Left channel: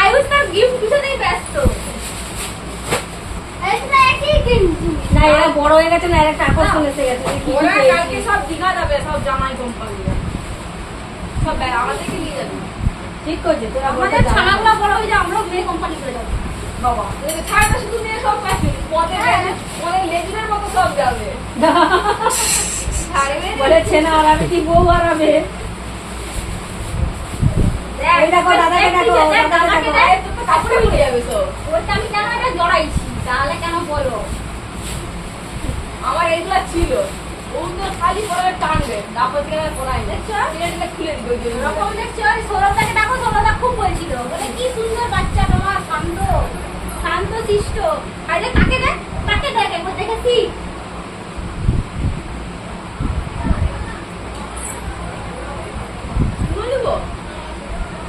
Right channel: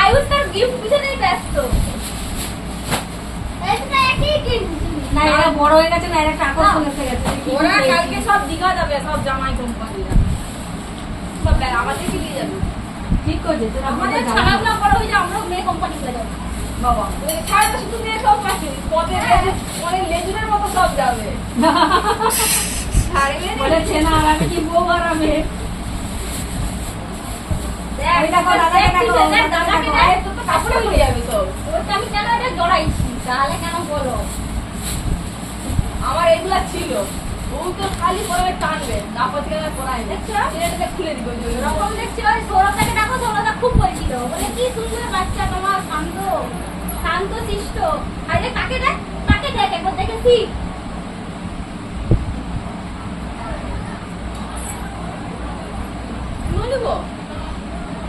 আয়ুষ তার গিফট পিছনেই ব্যস্ত। না এরা বড় হয়ে গেছে না, এরা একটা আকর্ষণ এসে গেছে। ওরা কালকে সব দীঘা যাবে, সব জামাই কোম্পানিরা সব আমাদেরকে নিয়ে যাবে। ঠিক করছে তোরা, আমাদের ছানাগুলো বড় হয়ে যায়, আমরাও মেয়ে কোম্পানি করে যাবো। বাবা ছাড়া শুধু মেয়ে সব পাচ্ছি, পদে লেজুমের মতো সব যাবে। বলেছে না আর আমি কি বউ হারাবে। কাপড়ে হয়ে যাবে সব। ওটা আমি কেন এটা জড়াইছি তাহলে, কেন বলো? আমার এগুলা ছিল, ও তো খালি পরে টানবে, তারপর থেকে পরাই দেখছো, এটা খুলে দিবে। ওরকম দেখছো, সৌরভটাকে দেখো, সৌরভটা খুব বলছিল, বলে কি সুন্দর বাচ্চা তোমার, শান্ত শান্ত শিষ্ট। আরে কাকে দেখ, কাকে দেখ, একবার দেখেছি